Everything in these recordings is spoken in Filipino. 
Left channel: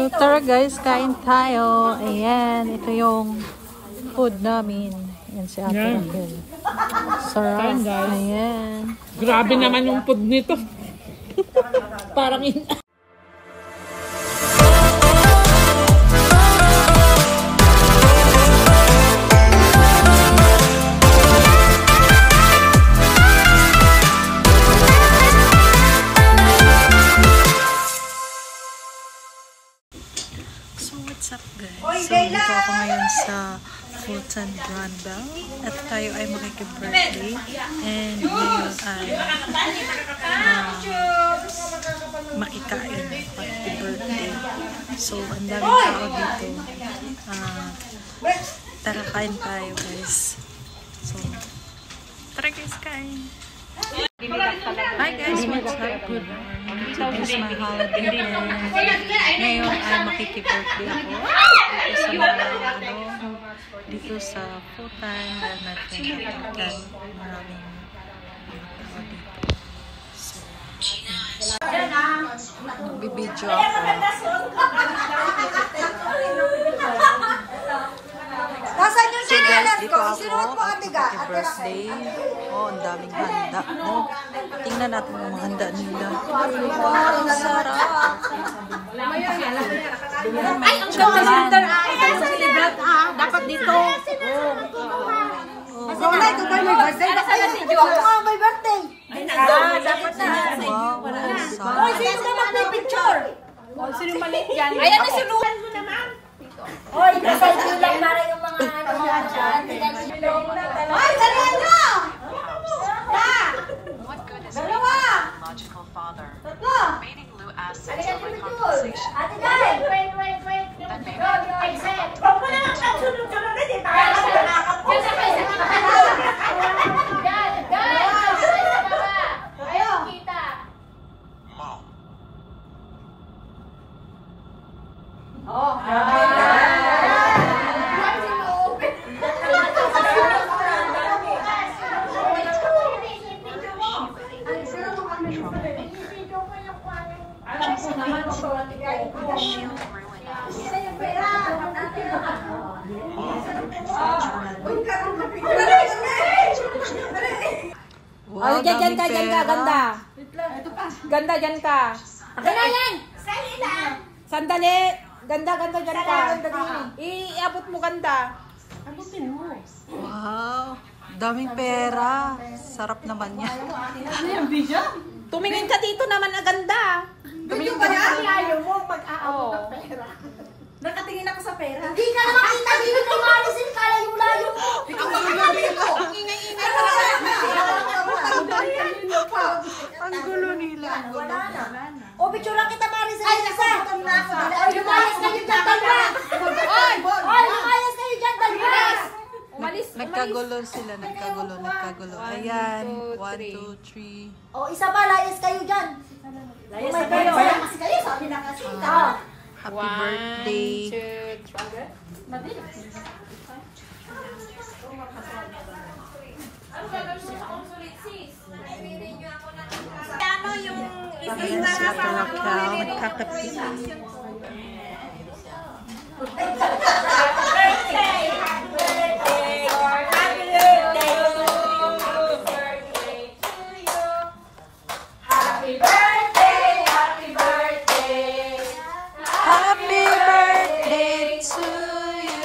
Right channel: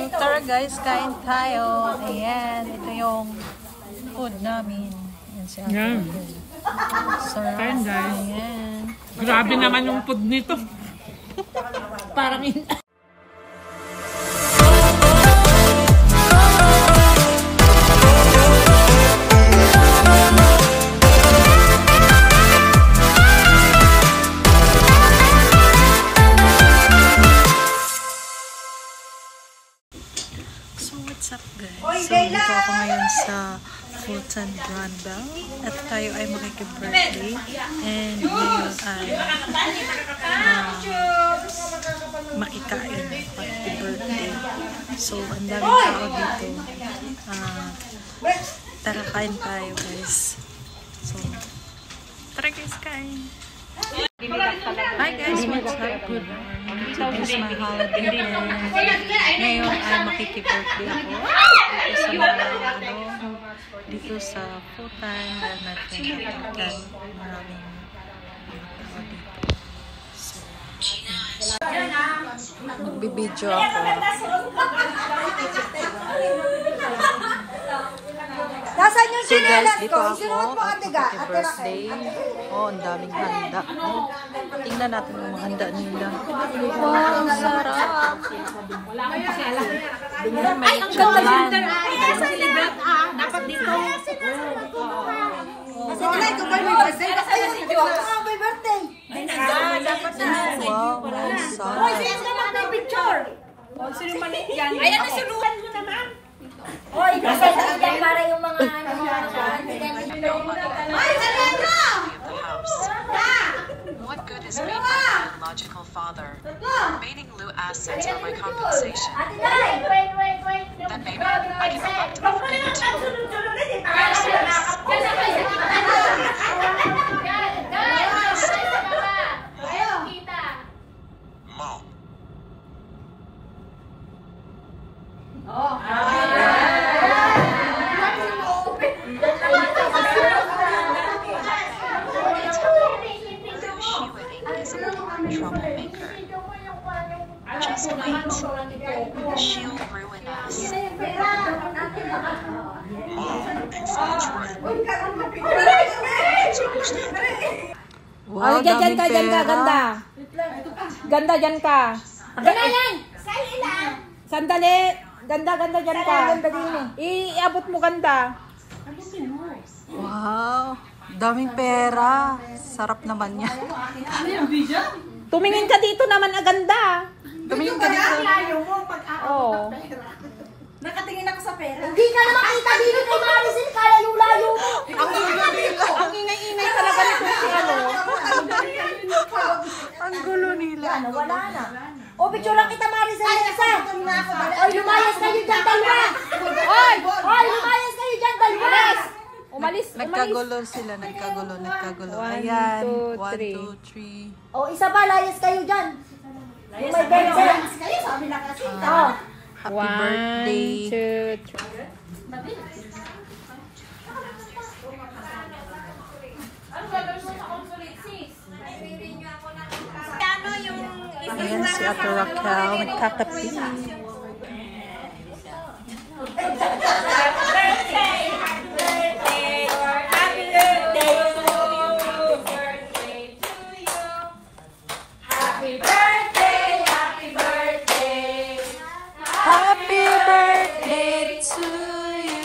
So tara guys, kain tayo. Ayan, ito yung food namin. Ayan si Ate. Yan. Sarap. Kain guys. Ayan. Grabe naman yung food nito. Parang So what's up guys? So dito ako ngayon sa Fulton Brandel at tayo ay makikip-birthday and ngayon ay makikain makikip-birthday. So ang daming tao dito. Tara kain tayo guys. So tara guys, kain. Hi guys, what's up? Good morning. Today's my holiday and ngayon ay makikip-birthday ako dito sa Fulton dahil natin nakikita maraming tao dito. So, magbibideo ako. So guys, dito ako at makikip-birthday. Oh, ang daming handa. Oh, tingnan natin yung mga handa nila. Wow, ang sarap! May chocolate. Dapat dito. Wow, ang sarap. Ayan na si Luan mo naman. Hoy, pasal lang para yung mga ano dyan. Ay, ganyan na! What good is being a biological father? Remaining low assets for my compensation. Then maybe I can afford to just wait. She'll ruin us. Wow, daming pera. Ganda dyan ka. Ganda yan! Sandali! Ganda dyan ka. Iabot mo ganda. Wow, daming pera. Sarap naman yan. Tumingin ka dito naman aganda. Tumingin ka dito. Nakatingin ako sa pera. Hindi na nakita. Hindi na kumalisin. Kaya yung layo mo. Ang ingay-ingay talaga. Ang gulo nila. Ang gulo. O, picture lang kita, Marisa. Ay, lumayas kayo dyan, Dalmaras. Ay, lumayas kayo dyan, Dalmaras. Nagkagulo sila. Nagkagulo. Ayan. 1, 2, 3. O, isa pa, layas kayo dyan. Layas kayo. Layas kayo, sabi lang kasi. Happy birthday. 1, 2, 3. Ayan si Ate Raquel. Nagkakapi. Happy birthday to you.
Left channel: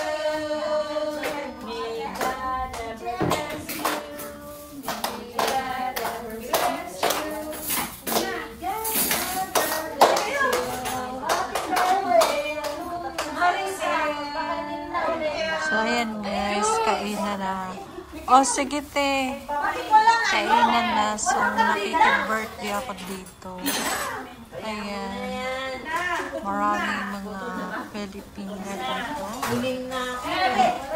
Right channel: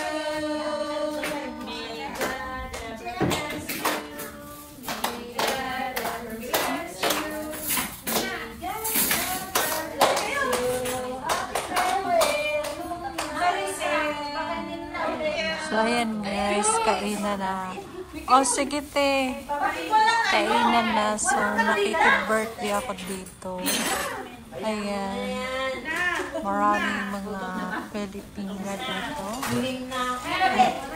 So ayan guys, kainan na. Oh sige te. Kainan na. So nakikip-birthday ako dito. Ayan. Maraming mga Pilipina dito.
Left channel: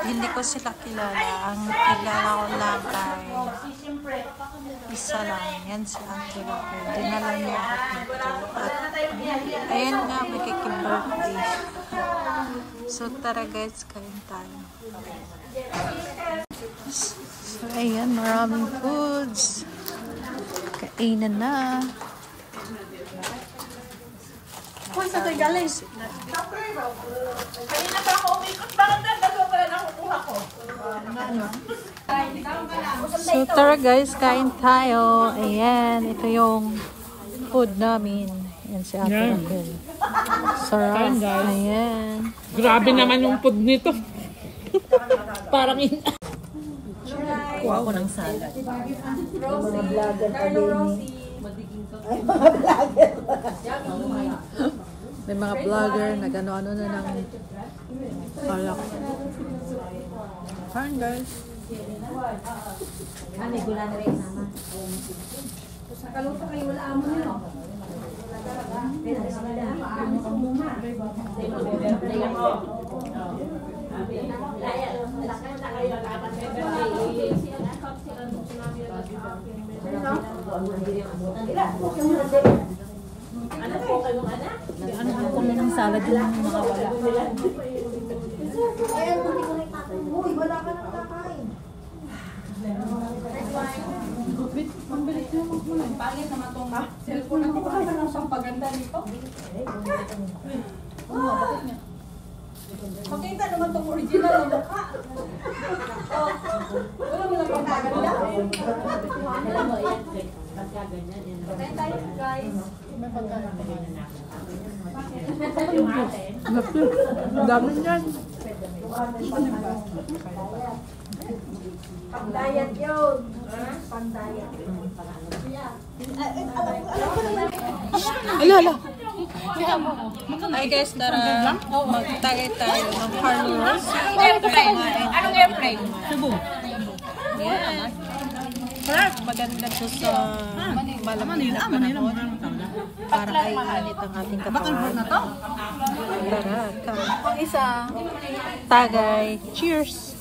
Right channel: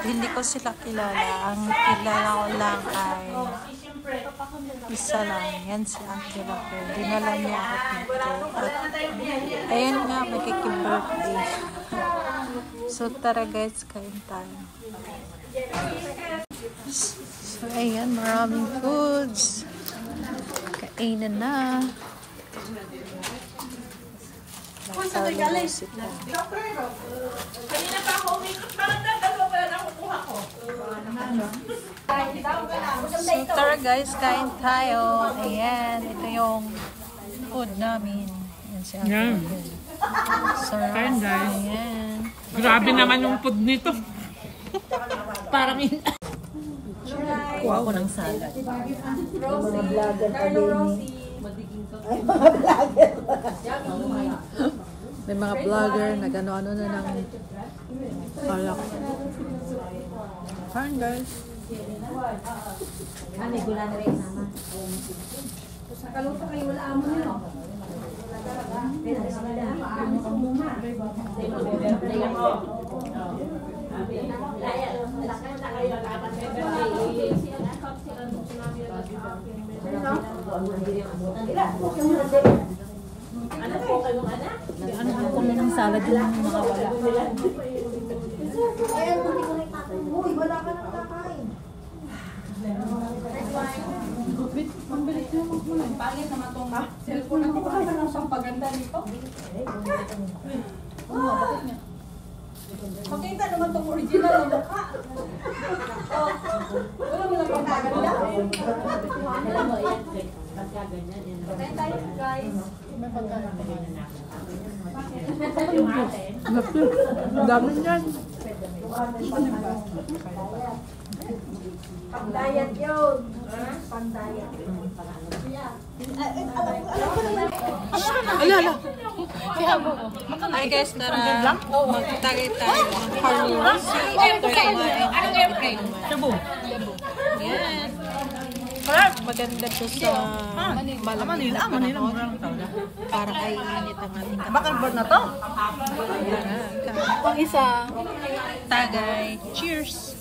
Hindi ko sila kilala. Ang kilala ko lang ay isa lang. Yan si Ate Raquel. Dinala niya ako dito. At ayan nga, makikip-birthday. So tara guys, kain tayo. So ayan, maraming foods. Kainan na. So tara guys, kain tayo. Ayan, ito yung food namin. Ayan si Ate. Yan. Sarap. Kain guys. Ayan. Grabe naman yung food nito. Parang Kuha ko ng salad. Mga vlogger pa din. May mga vlogger na gano-ano na ng alak. Kain guys. Ano, gula na rin naman. Sa kaluto kayo, wala amo nyo. Ano ko ng salad yung mga wala. Uy, wala ka nang kakain. Pangit naman itong cellphone ako. Baka ba lang siyang paganda nito? Bakit niya? Makita naman itong original na mukha. Wala mo lang pang paganda. Alam mo, yan. Pagkaganyan. Kain tayo, guys. May pagkaganyan. Ang dami niyan. Pang-diet yun. Pang-diet. Ala. Hi guys, tara. Magtagay tayo ng Carlos. Anong airplane? Cebu. Yan. Maganda to sa malamig na panahon. Para ay init ang ating katawan. Bakal ba na to? Pang isa. Tagay. Cheers.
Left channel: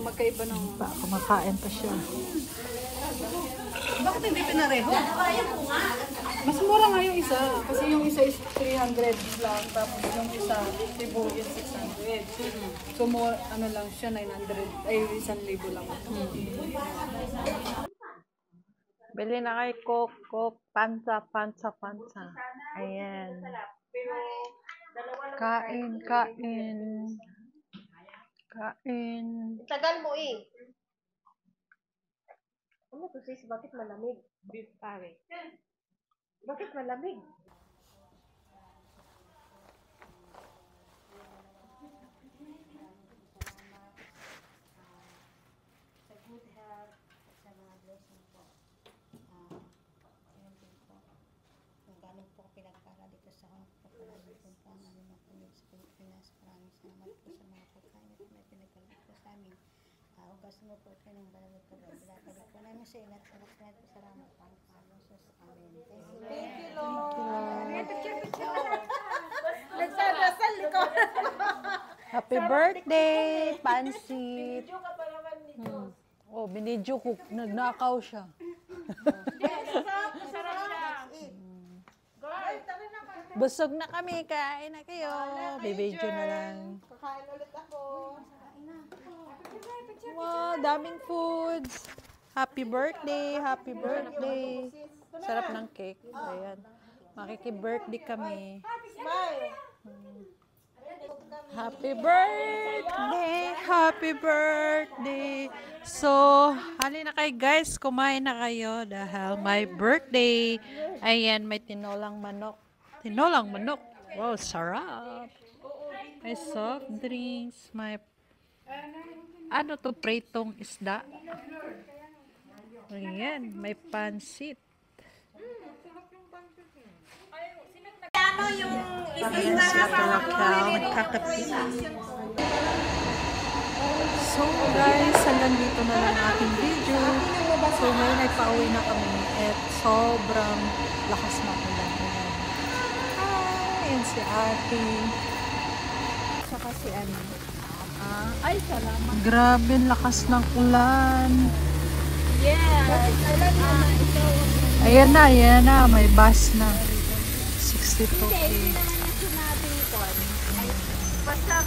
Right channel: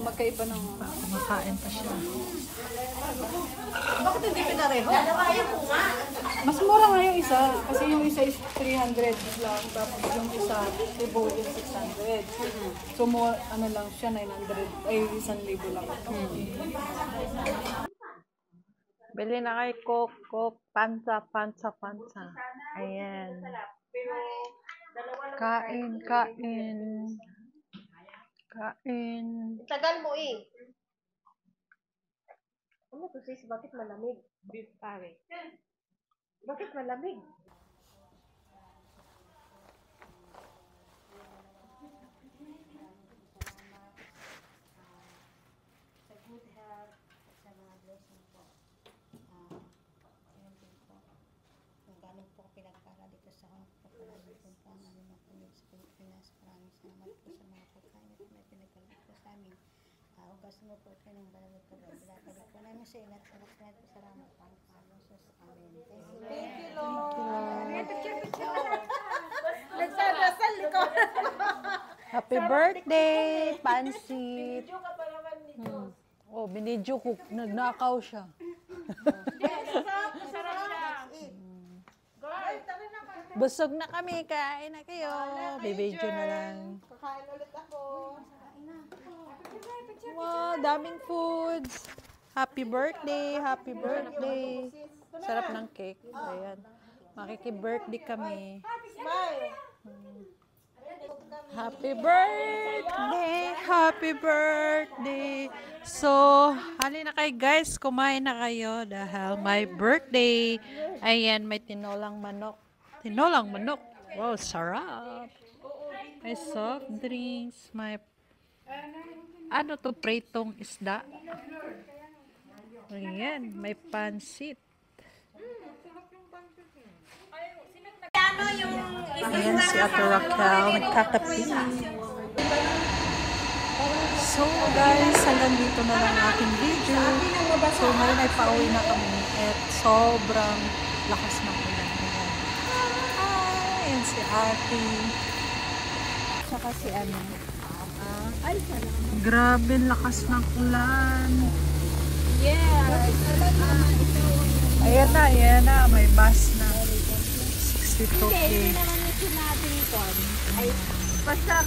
Magkaiba ng... Kumakain pa siya. Bakit hindi pinareho? Mas mura nga yung isa. Kasi yung isa is 300 lang. Tapos yung isa, Cebu is 600. So more, ano lang siya, 900. Ay, 1,000 lang. Bili na kay Coke, pansa. Ayan. Kain. Tagal mo eh. Ano to sis? Bakit malamig? Beef pare. Bakit malamig? Sa good health, sa mga blessing po. Ayun din po. Kung gano'n po pinagkara dito sa kapalaran po po ang aming mga pamilya sa Pilipinas. Maraming salamat po sa mga pagkain at may pinagalit po sa amin. Hugas mo po kayo ng banal ito. Bilakali po namin sa inat. Salamat po ang Panginoon sa amin. Thank you, Lord. Nagsarasal ko. Happy birthday, Pansit. Oh, binidyo ko. Nagnakaw siya. Busog na kami. Kain na kayo. Bibidyo na lang. Kakain ulit ako. Wow, daming foods. Happy birthday. Sarap ng cake. Ayan. Makiki-birthday kami. Happy birthday. So, halina kayo guys, kumain na kayo dahil my birthday. Ayan, may tinolang manok. Wow, sarap. May soft drinks, may ano to, pritong isda. Ayan, may pansit. Ayan si Ate Raquel, nagkakapi. So guys, hanggang dito na lang aking video. So ngayon ay pauwi na kami at sobrang lakas ng ulan. Ayan si Ate. Saka si ano. Ay, salamat. Grabe, lakas ng ulan. Yes. Ayan na. May bus na. 62K. Hindi naman natin ito. Ay, basta